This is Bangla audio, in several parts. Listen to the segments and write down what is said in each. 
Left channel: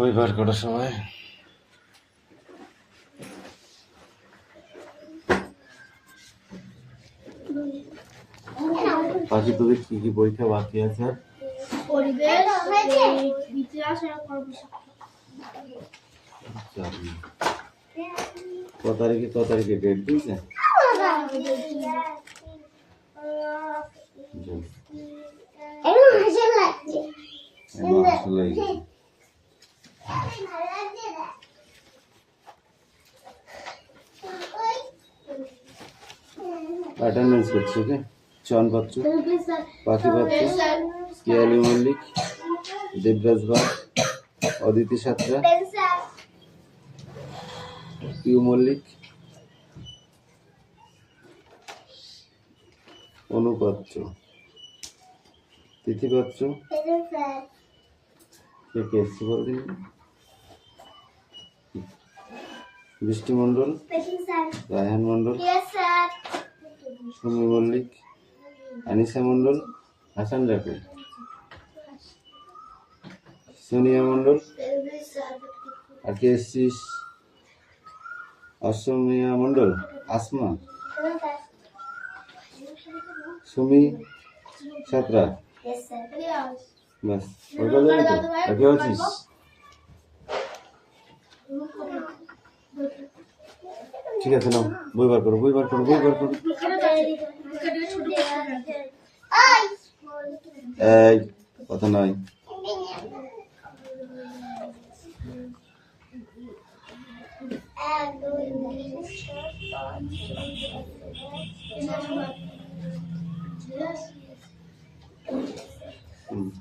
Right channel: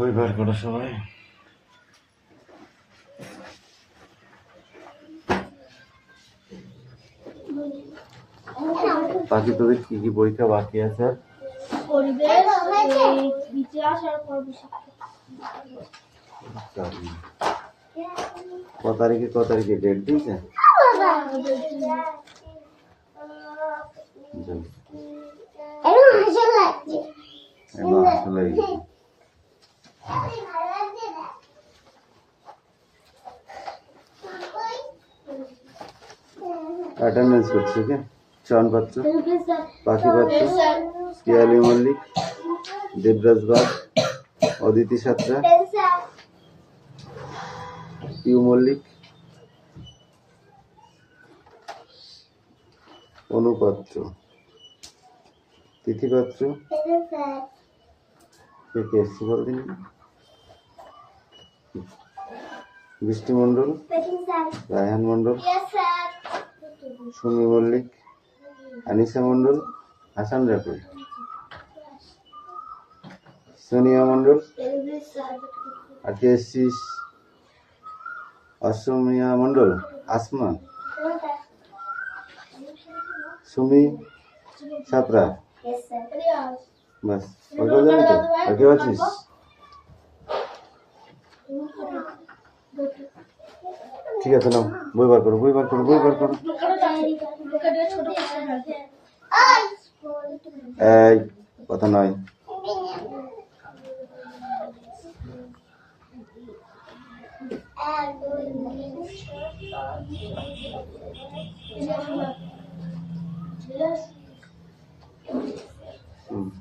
বই বার করো সবাই। বাকি তোদের কি কি পরীক্ষা বাকি আছে? পরিবেশ, ইতিহাস আর কত তারিখে ডেট দিয়েছে? অ্যাটেন্ডেন্স করছে কে? চয়ন পাত্র, পাখি পাত্র, পিয়ালি মল্লিক, দেবরাজ বাগ, অদিতি সাঁতরা, পিউ মল্লিক, অনুপাত্র, তিথি পাত্র, কে কে এসছে বলদিন, বৃষ্টি মণ্ডল, রায়হান মণ্ডল, সুমি মল্লিক, আনিসা মণ্ডল, হাসান রাফি, সোনিয়া মণ্ডল, আর কে এসছিস? অসমিয়া মণ্ডল, আসমা, সুমি সাঁতরা, বাস ওইটা জানি তো। ওকে আছিস? ঠিক আছে, না বই বার করো। এই কথা নয়।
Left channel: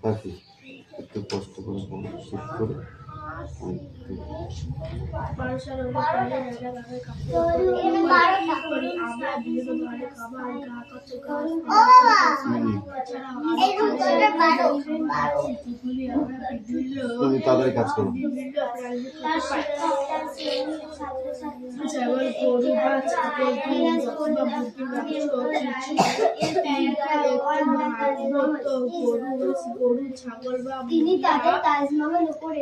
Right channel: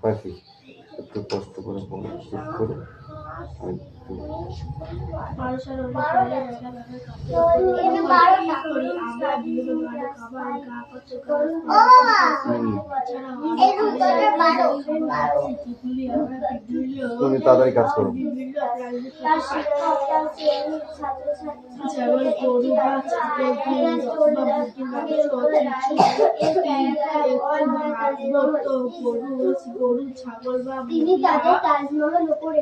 বাকি একটু কষ্ট করে শেষ করে তুমি তাড়াতাড়ি কাজ করো। তিনি তাদের তাজমহল উপরে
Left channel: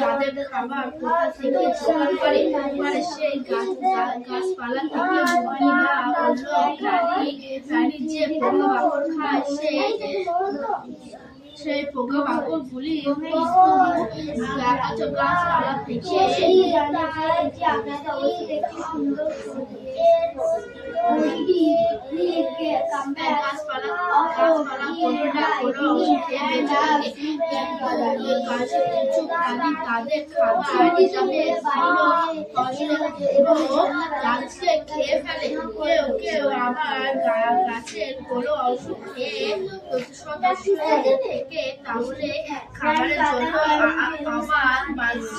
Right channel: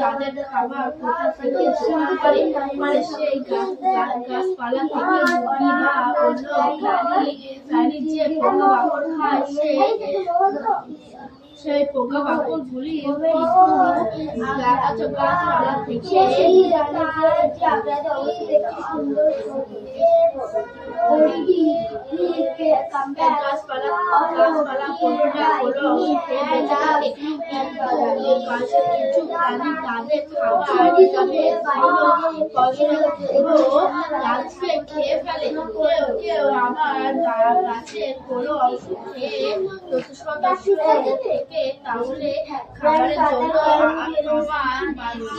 তাদের খাবার কোথা থেকে জোগাড় করে, মানে সেই গাছপালা থেকে প্রাণী যে পোকামাকড় খায় সেই পোকামাকড়গুলি গাছপালা থেকে তাদের খাবার হিসাবে খেয়ে ফেলে। কেউ আমার গাছের কোনো অংশ খেয়ে থেকে তাহলে খাবারের জন্য আমার মানুষ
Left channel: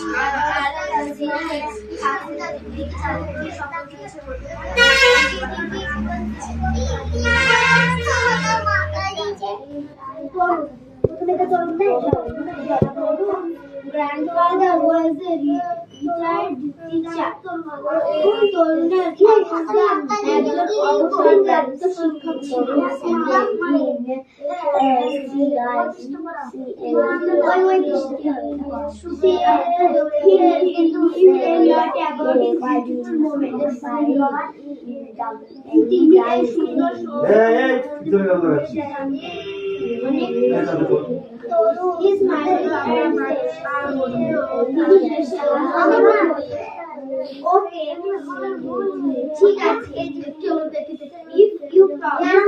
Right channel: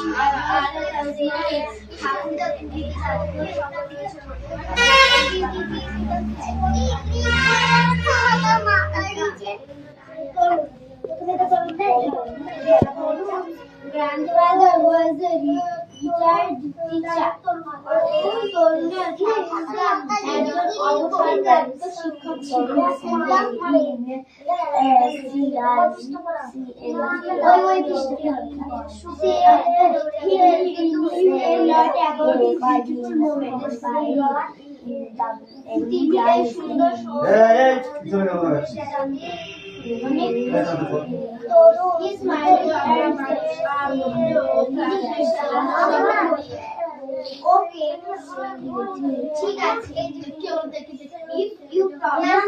grandfather was a retired teacher. একজন অবসরপ্রাপ্ত শিক্ষক ছিলেন। তিনি এই সুন্দর His mind okay, ঠিক আছে। If you promise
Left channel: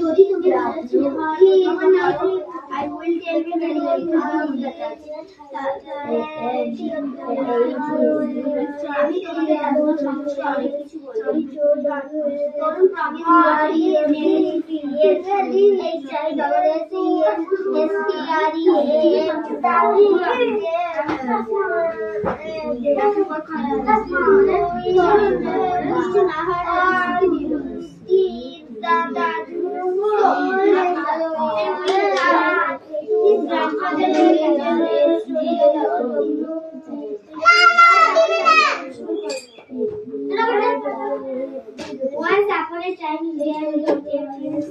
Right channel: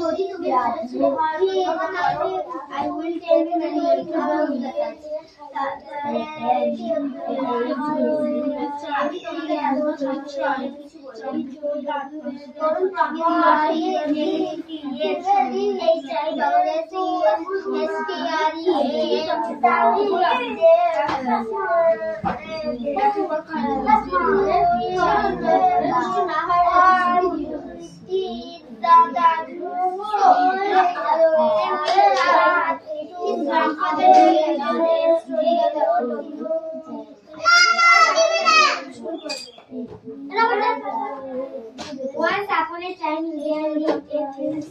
যদি তুমি I will tell you many about that. আমি তোমাকে এমন সমস্যা অনেক কিছু বলবো। তরুণ Once upon a time, there lived a prince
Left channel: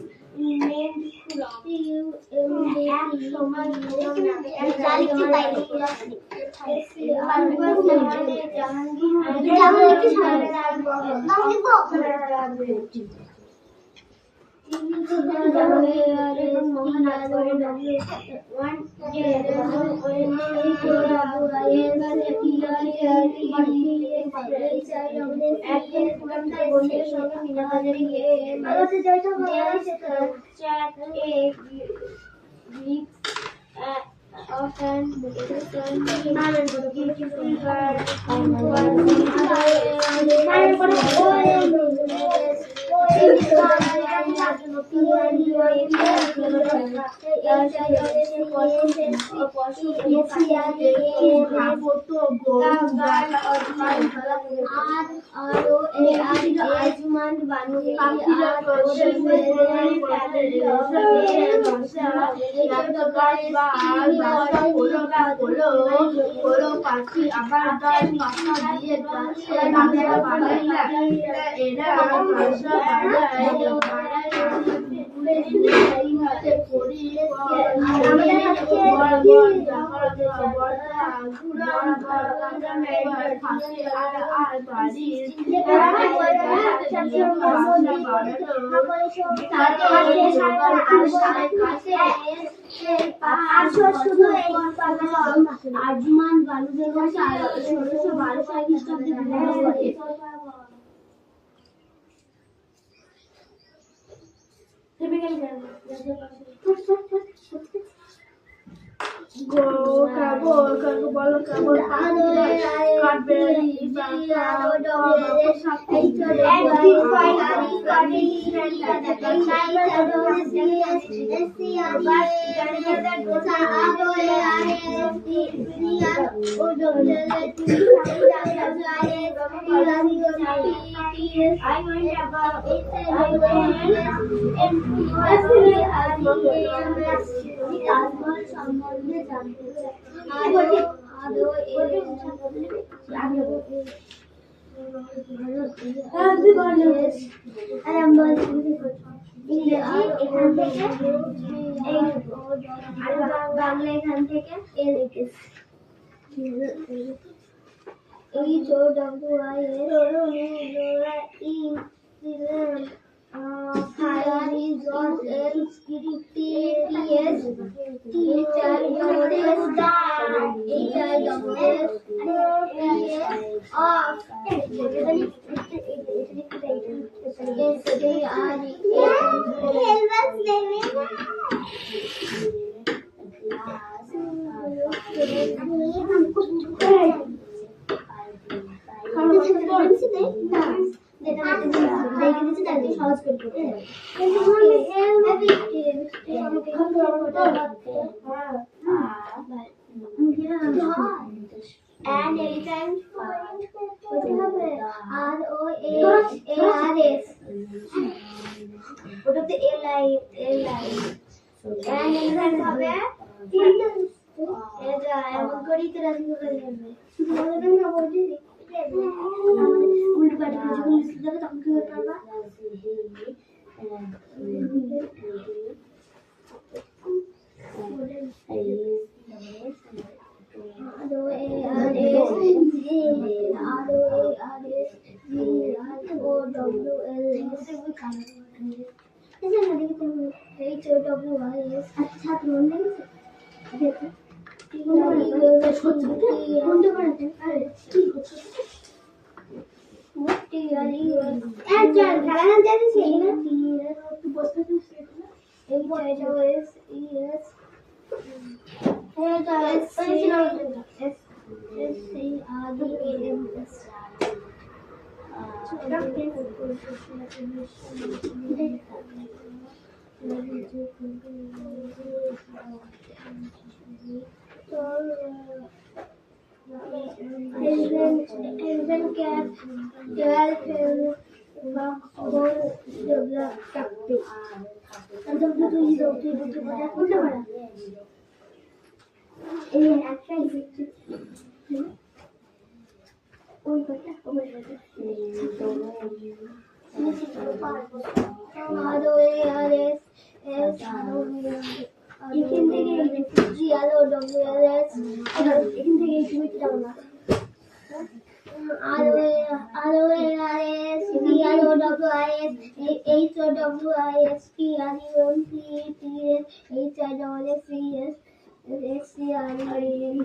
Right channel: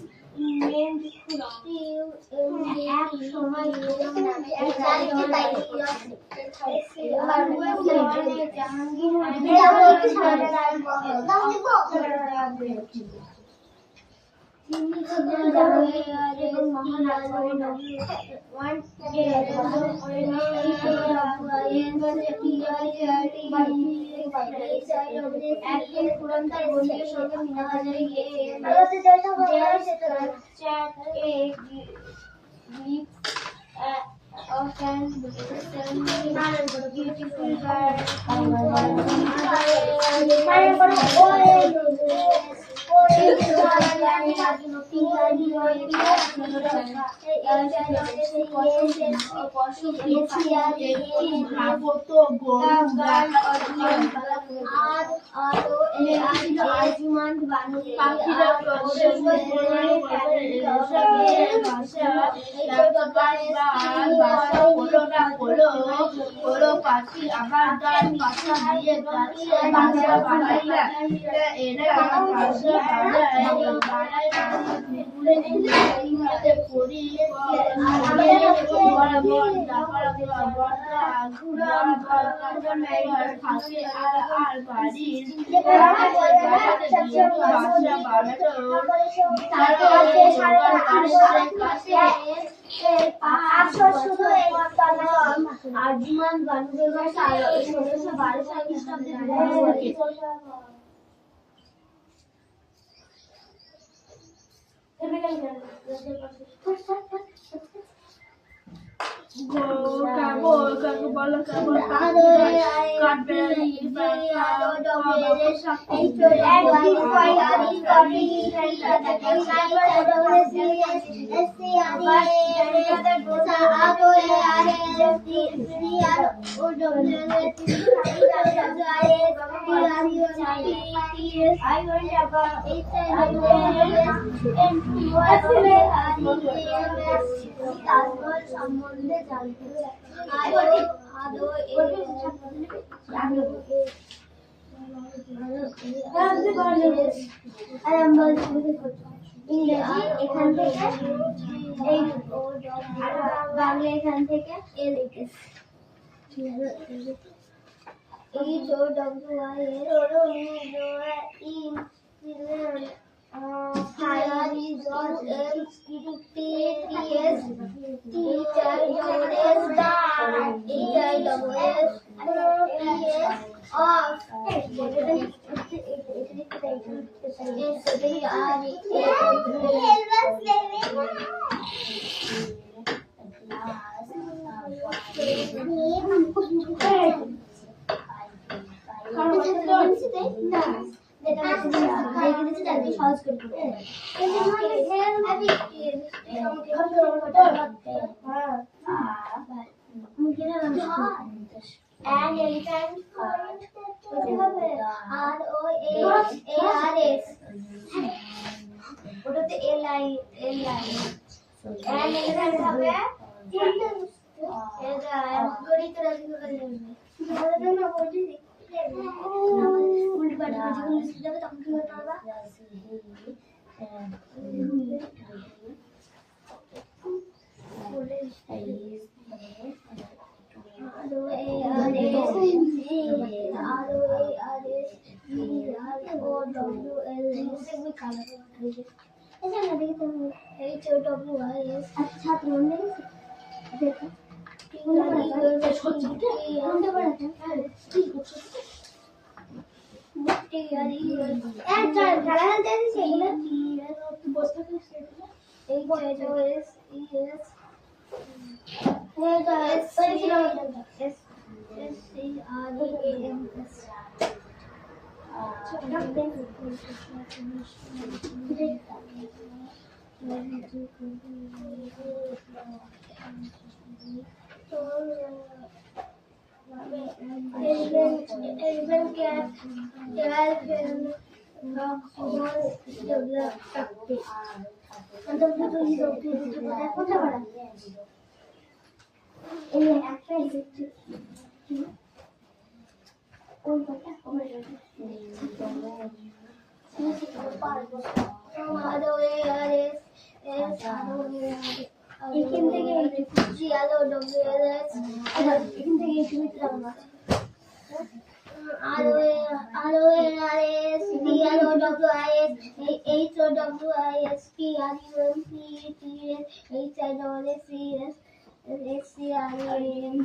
আজমান বানুদের 1612 সাল খ্রিস্টাব্দে সম্বন্ধে জানতে বাংলা এখান থেকে and elephant ROARS ওটাতে LI and elephant হবে এটা এমন করেই তো রাজি করে যাবে বলবে না বলি উল্টো পাল্টা যখন লিখে যাবে তখন কি করতে হবে এখান থেকে GLOWS এখান থেকে এই ছবিটা ডাউন আছে RORS DROWIS HOWIS PRUMPTS HISSES SCREM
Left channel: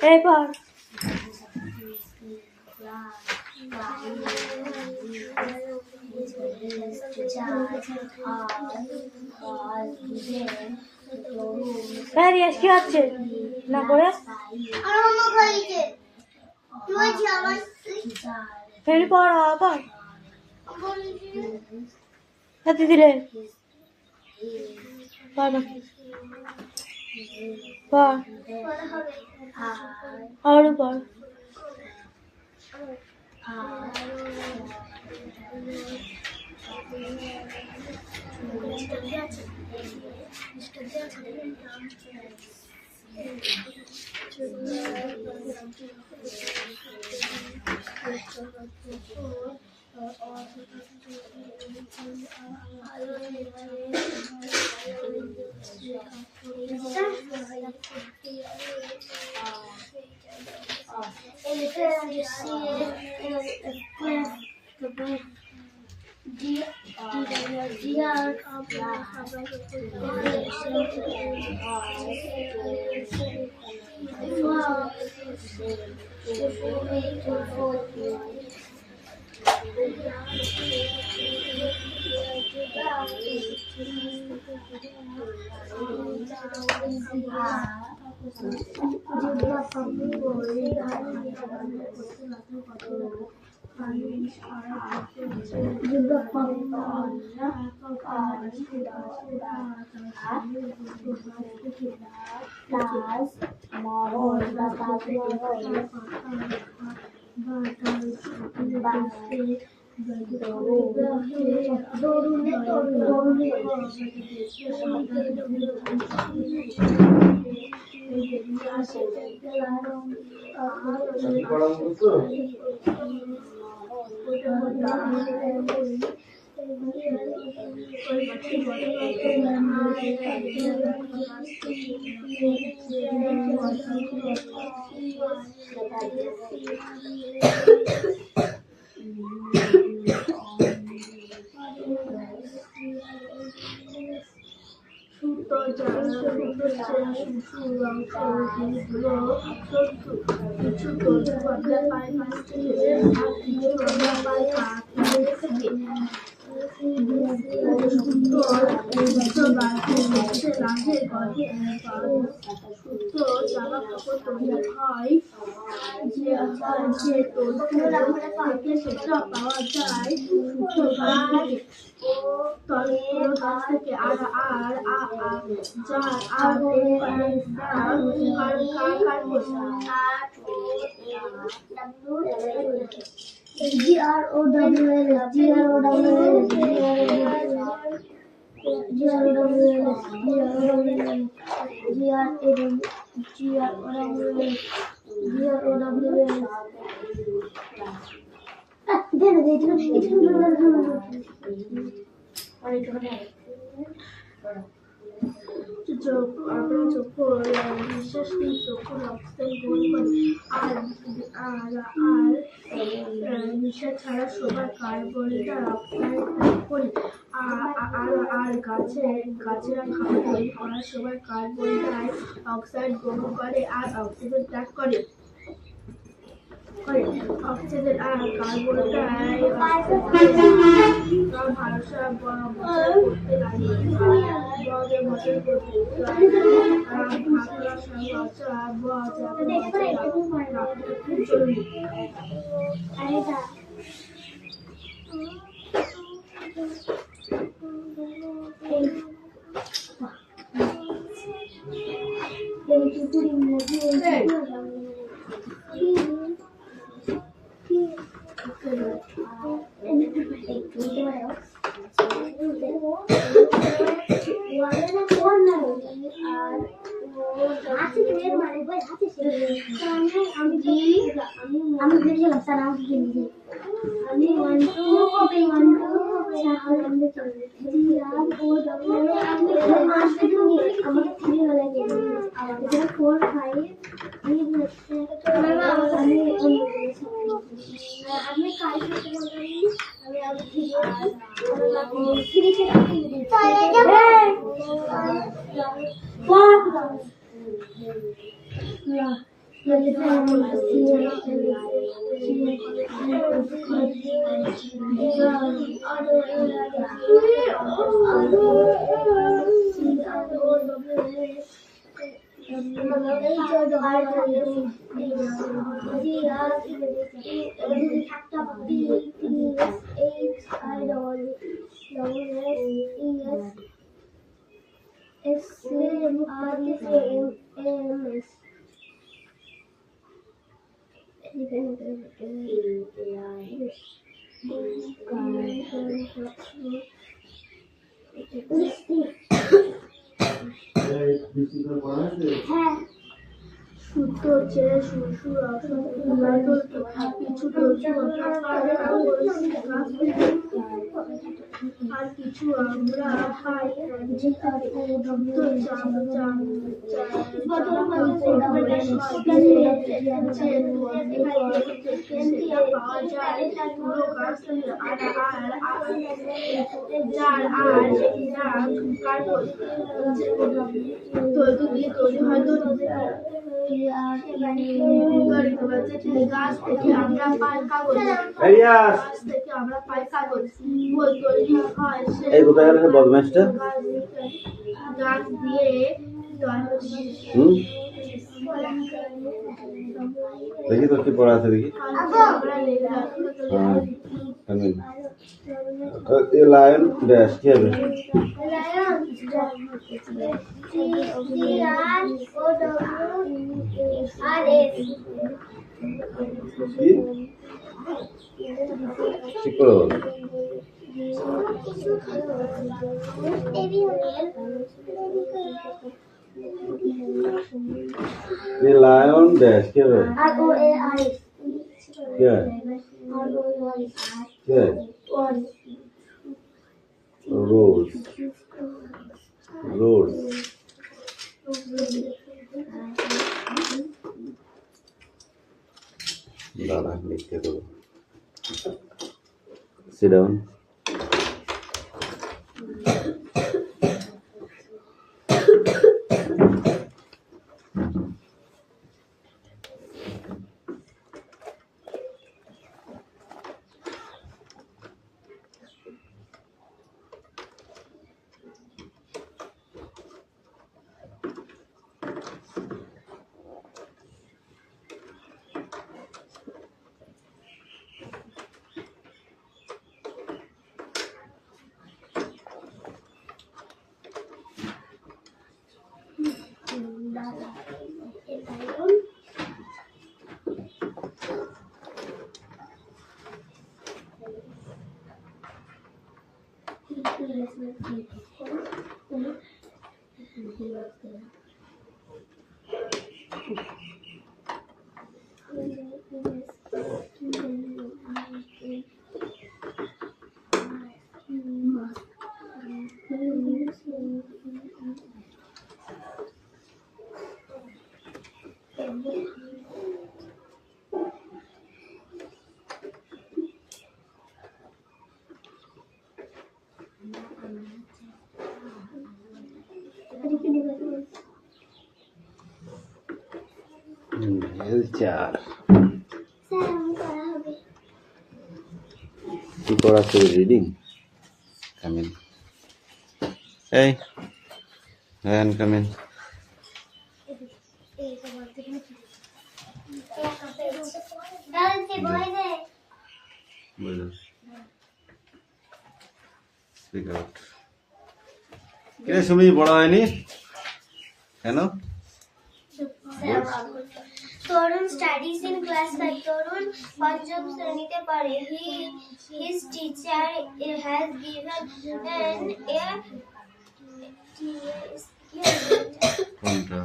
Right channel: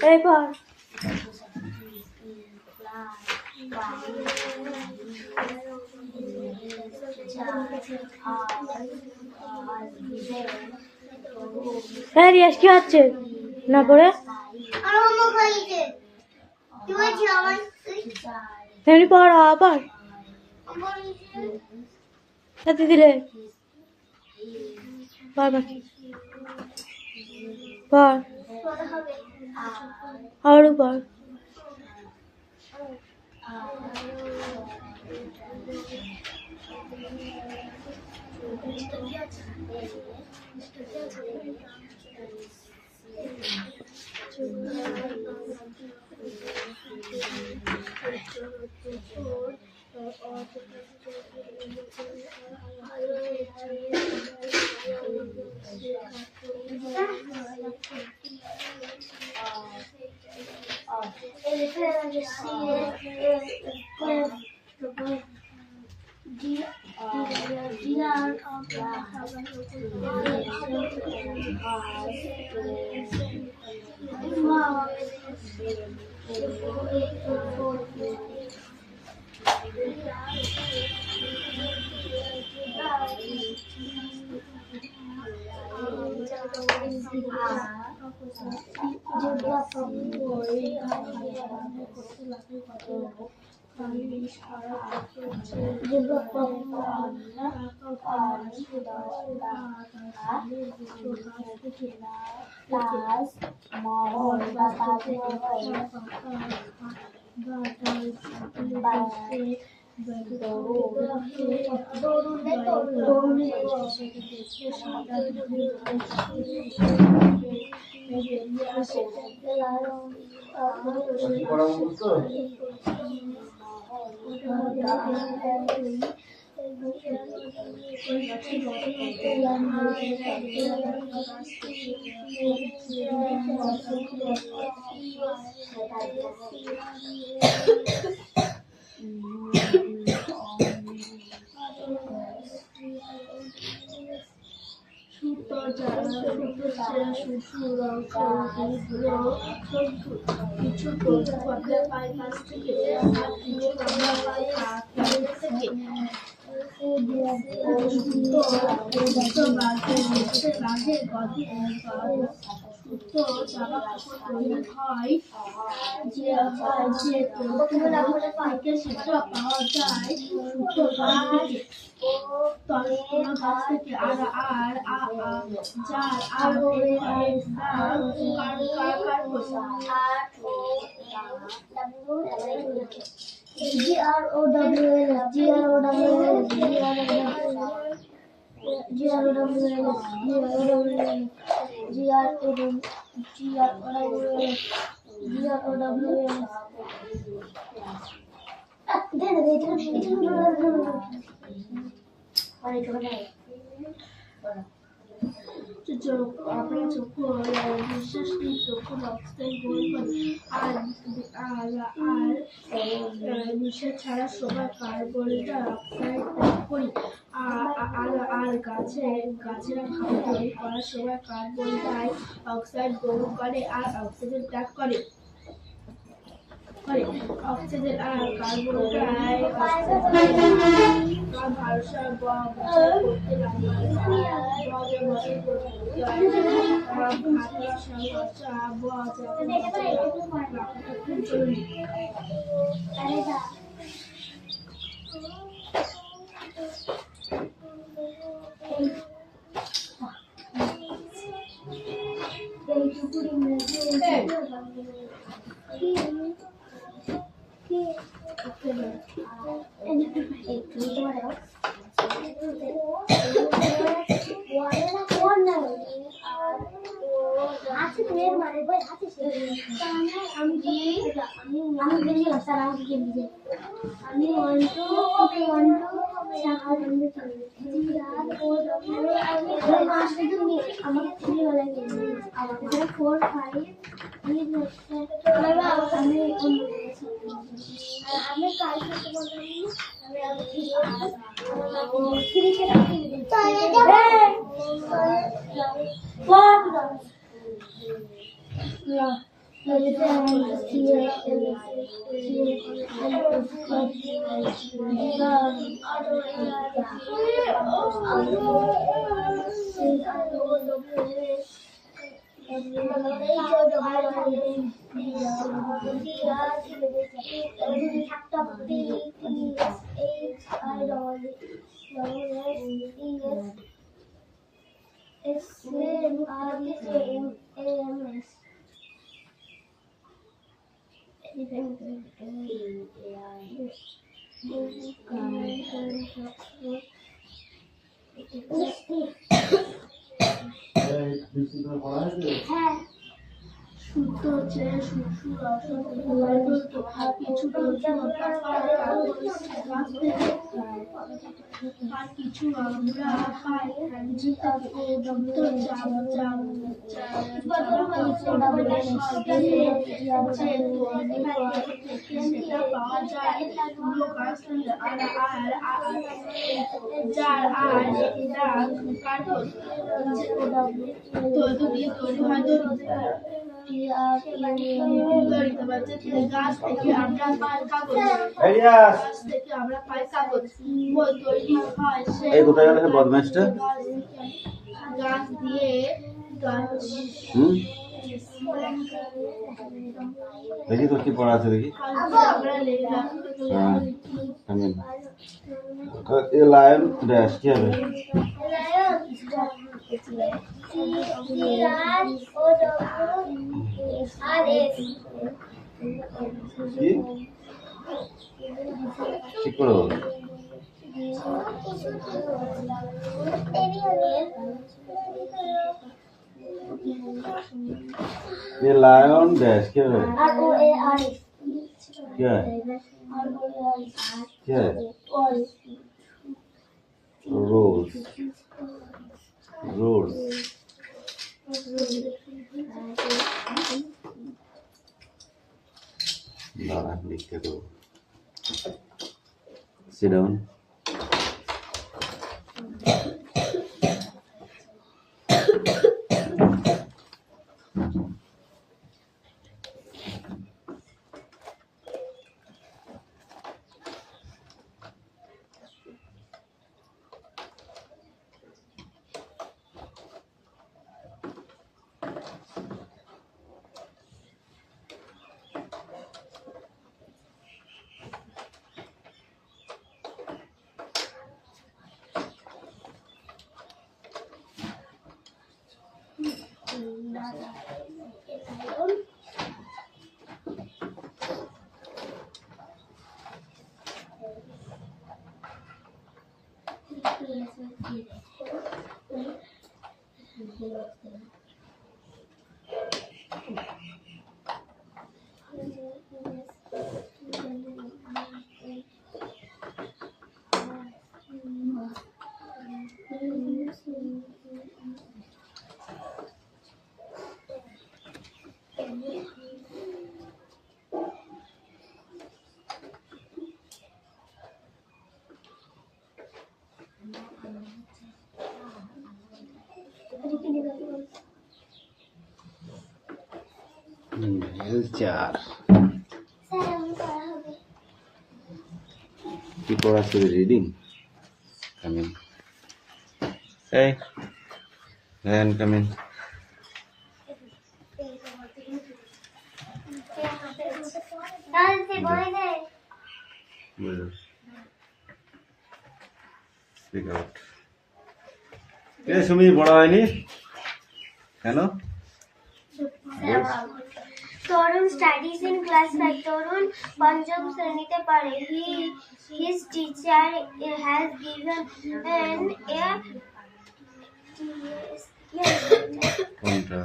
Paper. Riaz কি হচ্ছে না করে এমনি পড়া আবার সাথে দিলে পড় বাকি পড় আরো পড় থেকে সুতো বাঁধের গর্ভে সুতো জামা কাপড় তৈরি হয় যে তন্তু থেকে সেটা পাওয়া যায় সুতো গাছ থেকে তলগুলো গাছ থেকে আর যার আর আপনার চক্ষু বিশেষ চক্ষু অক্সিজেন গ্রহণ করে আর নিঃশ্বাস ছাড়া সময় কার্বন ডাই অক্সাইড ত্যাগ করি আর গাছেরা খাবার তৈরি করার সময় কার্বন ডাই অক্সাইড গ্রহণ করে আর অক্সিজেন ত্যাগ করে অক্সিজেন আর কার্বন ডাই ভারসাম্য করতে লাগে সুতো চেয়ে শ্বশুর কিছু আর কিছু আমরা পাই পাওয়া যায় পুরো গাছ যার আর তৈরি হয় গাছ থেকে আমরা পাই কাগজ বই তৈরি হয় বদমাইশটা গাছ দিয়ে দেখি তো কি পড়া আছে দেখি এ লায়ন ড্যাশ কি হবে ঠিক করে বল ये लायन डैश क्या है क्या है क्या है रोज रोज दादा लिखते दो sit down টিচার স্যার আমি পড়া হবে। কি পড়াচ্ছে? রিডিং। কামিন। এই রায়ান কামিন। বলো স্পিক আউট। কে সুমি পড়া হয়নি কেন? তরুণ স্টাডিজ ইন ক্লাস 5. তরুণ পঞ্চম শ্রেণীতে পড়ে। His teacher has given কোনটা?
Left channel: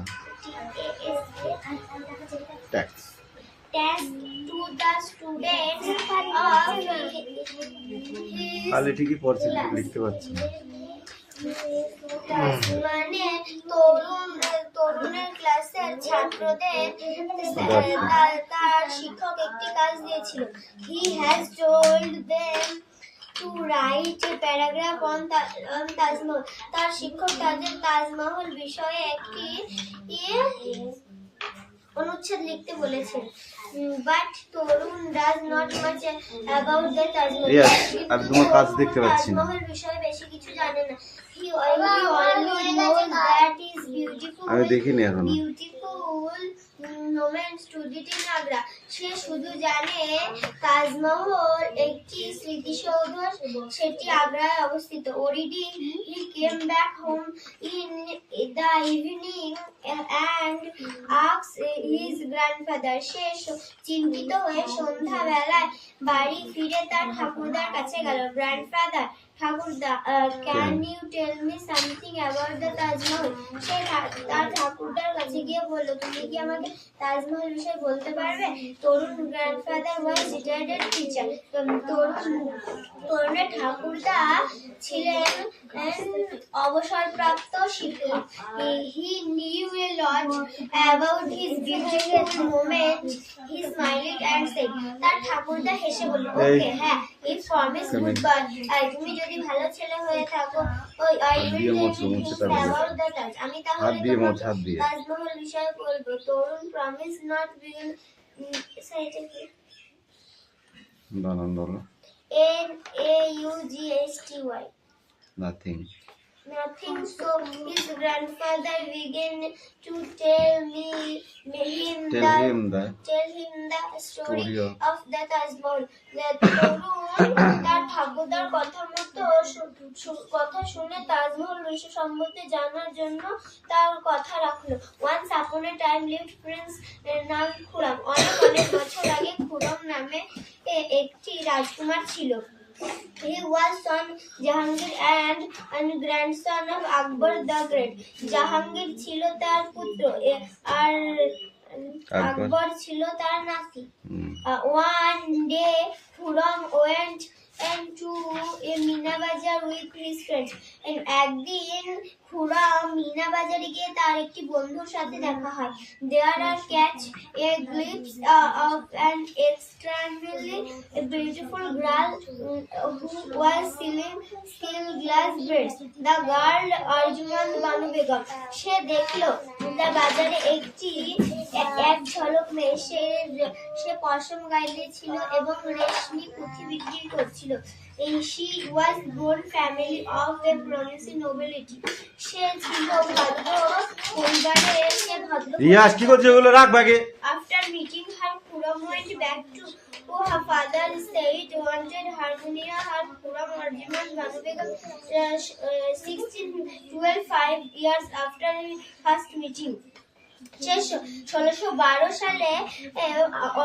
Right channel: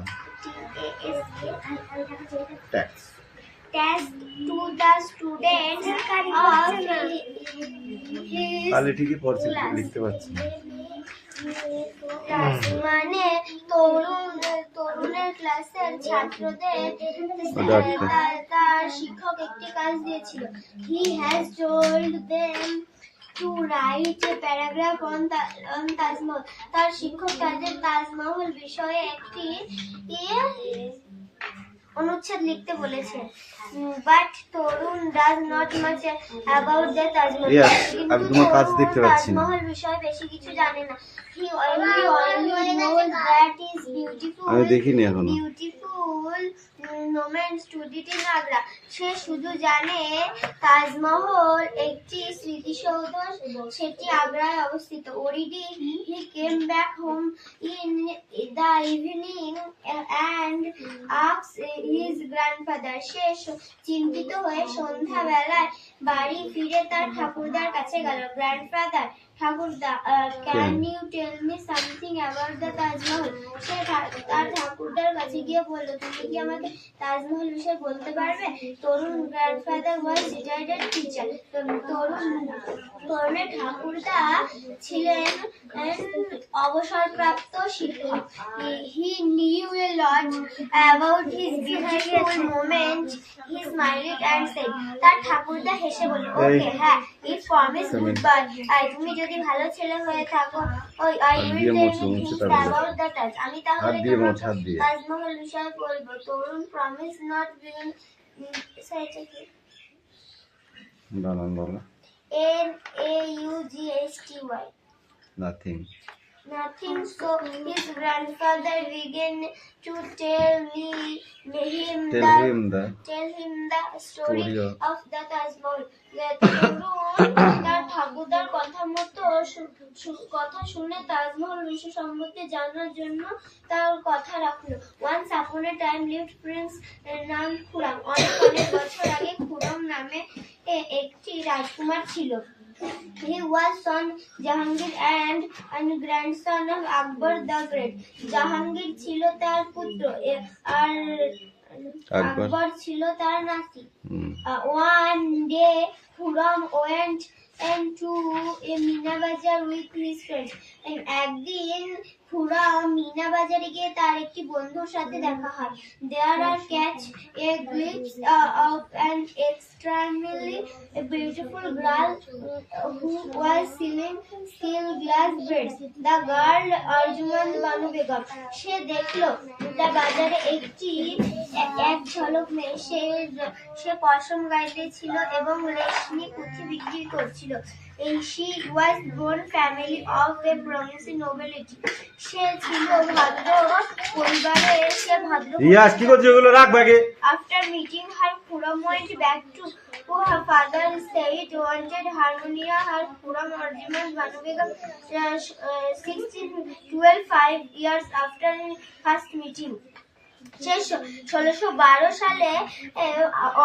Tax test to the students of his তাহলে ঠিকই পড়ছি, লিখতে পারছি না। মানে তরুণের ক্লাসের ছাত্রদের তার শিক্ষক একটি কাজ দিয়েছিল। He has told them to write a paragraph on Taj Mahal. তার শিক্ষক তাদের তাজমহল বিষয়ে একটি অনুচ্ছেদ লিখতে বলেছেন। But Tarun does not much about the Taj Mahal. Yes, কিন্তু আমি তোমার কাজ দেখতে তরুণ পাচ্ছি না। তাজমহল বিষয়ে বেশি কিছু জানে না। He only knows that is beautiful. আমি দেখিনি এখনো। Beautiful moments to it in Agra. সে শুধু জানে তাজমহল একটি স্মৃতিসৌধ, সেটি আগ্রায় অবস্থিত। Already he came back home in the evening and asked his grandfather. সে চিন্তিত হয়ে সন্ধ্যাবেলায় বাড়ি ফিরে তার ঠাকুরদার কাছে গেল। গ্র্যান্ডফাদার, ঠাকুরদা, can you tell me something about the Taj Mahal. সে তার ঠাকুরদার কাছে গিয়ে বলল, তুমি কি আমাকে তাজমহল বিষয়ে বলতে পারবে? তরুণ গ্র্যান্ডফাদার ওয়াজ রিটায়ার্ড টিচার। তরুণের ঠাকুরদা ছিলেন অবসরপ্রাপ্ত শিক্ষক। He knew A lot about his beautiful moment. He স্মাইলড and said. তার ঠাকুরদা হেসে বলল, ওকে, হ্যাঁ, ইফ প্রমিস গুড বাই। তুমি যদি ভালো ছেলে হয়ে থাকো, I will tell you things about the Taj. আমি তাহলে তোমাকে তাজমহল বিষয়ে বলবো। তরুণ প্রমিস নট বিন বানান বলো। NAUGSTY. Nothing. Nothing. So his grandfather began to tell him the story of the Taj Mahal. তার ঠাকুরদার কথা শুনে তাজমহল বিষয় সম্বন্ধে জানার জন্য তার কথা রাখলো। Once upon a time lived prince named Khurram. অনেক বছর আগে খুরম নামে একটি রাজকুমার ছিল। He was son Jahangir and grandson of Akbar the Great. Jahangir ছিল তার পুত্র আর আকবর ছিল তার নাতি। One day Khurram went to a Meena Bazar with his friends. একদিন খুরম মিনা বাজারে গিয়ে তার একটি বন্ধুর সাথে দেখা হয়। There are catch a glimpse of an extremely beautiful girl who was selling steel glass beads. The girl Arjuman Banu Begum. সে দেখলো তার বাজারে এক ঝলক মেয়ে। সে পশম গাইতেছিল এবং রেশমি পুঁথি বিক্রি করছিল। She was born family of a promising nobility. সে ছিল ভদ্র পরিবারের। রিয়াজ কি করছে ওগুলো রাখ ব্যাগে। After meeting her, Khurram went back to her father said wanted harmonia. Her Khurram Arjuman Banu Begum 5 years after first meeting. 1612 সালে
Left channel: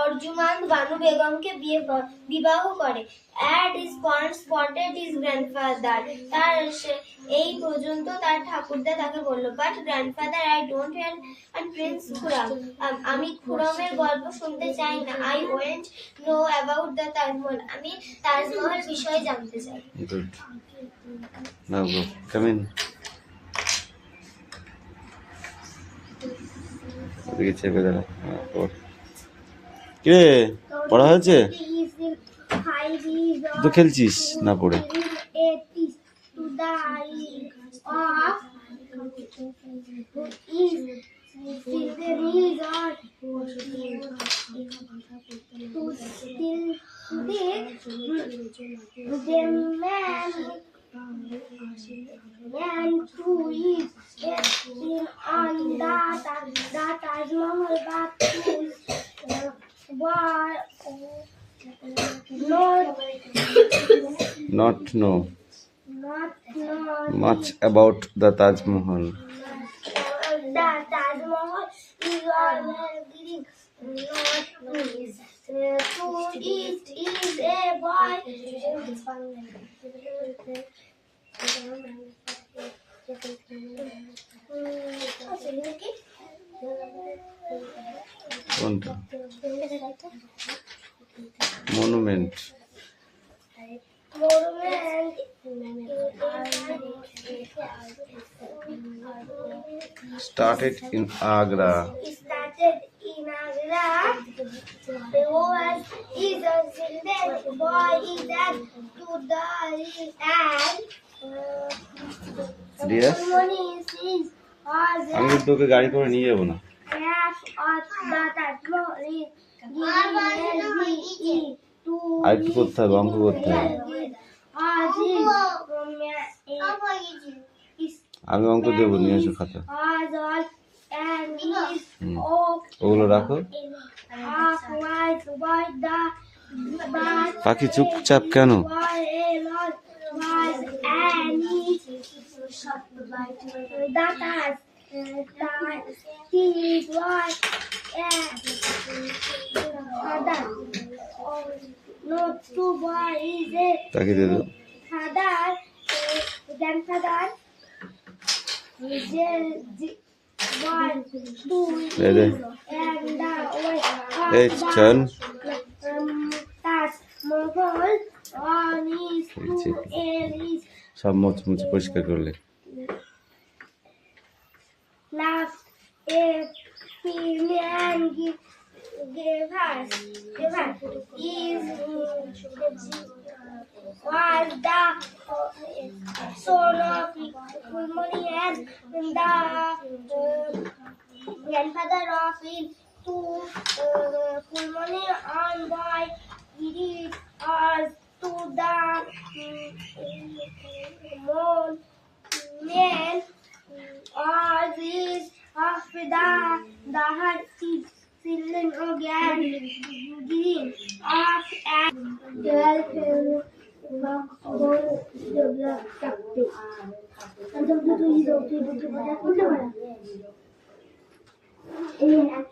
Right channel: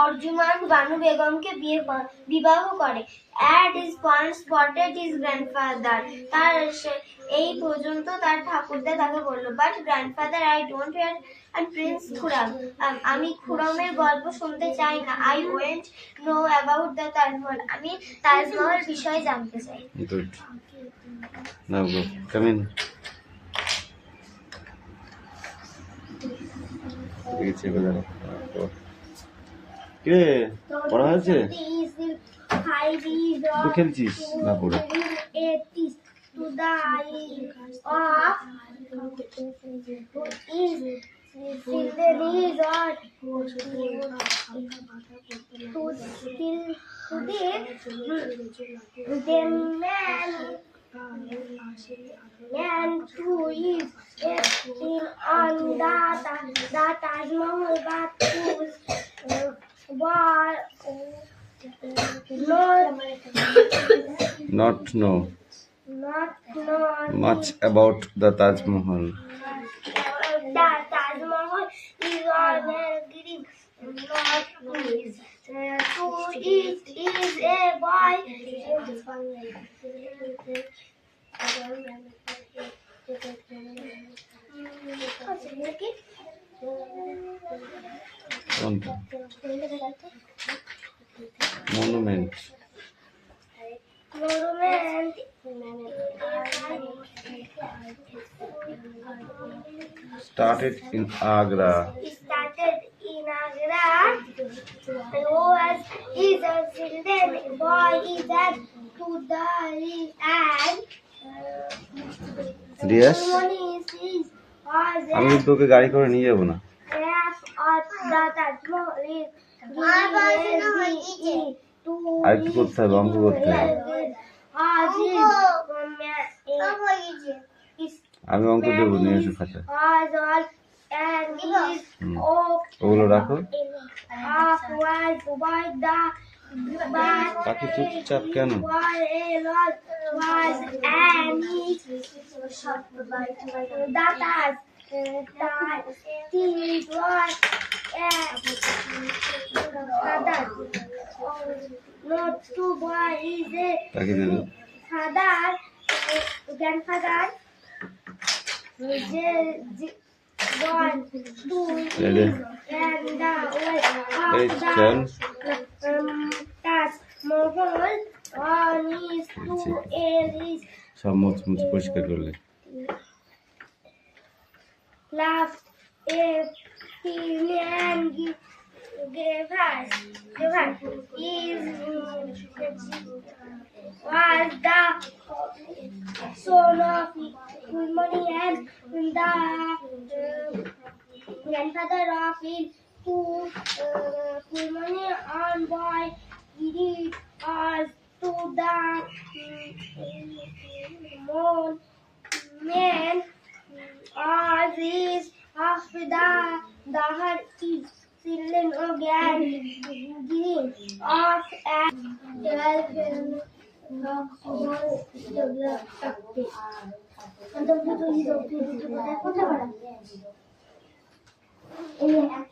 অর্জুমান বানু বেগমকে বিবাহ করে। At his point spotted his grandfather. এই পর্যন্ত তার ঠাকুরদা তাকে বলল, but grandfather I don't hear and Prince Khurram. আমি খুরমের গল্প শুনতে চাই না। I want know about the Taj Mahal. আমি তাজমহল বিষয়ে জানতে চাই। Good. Now go. Come in. চেপে দাঁড়া। কে পড়া হয়েছে? তো খেলছিস না পড়ে? children is on to still the man and to is sitting on the Taj Mahal but war Not know not known much about the Taj Mahal. the Taj Mahal is on green not to it is a boy কোনটা? Monument. monument Started in Agra. started in Agra. Was is a children boy is that to the and Yes. ceremony is আমি কিন্তু তোকে গাড়ি করে নিয়ে যাবো না। আরেকটু করতে হবে, অঙ্ক করতে হবে। আমি অঙ্ক দেবো, নিয়ে এসো খাতা। ওগুলো রাখো। পাখি চুপচাপ কেন? তাকে দিয়ে দাও। Grandfather, Ready? It's 10. Taj Mahal on his two Aries সব মুছ পরিষ্কার করলে। laugh a million gave us is was the son of Kulmani and the grandfather of his two Kulmani on boy it is to the man or this of the heart is children again green of and develop এখান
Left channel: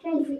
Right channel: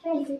থেকে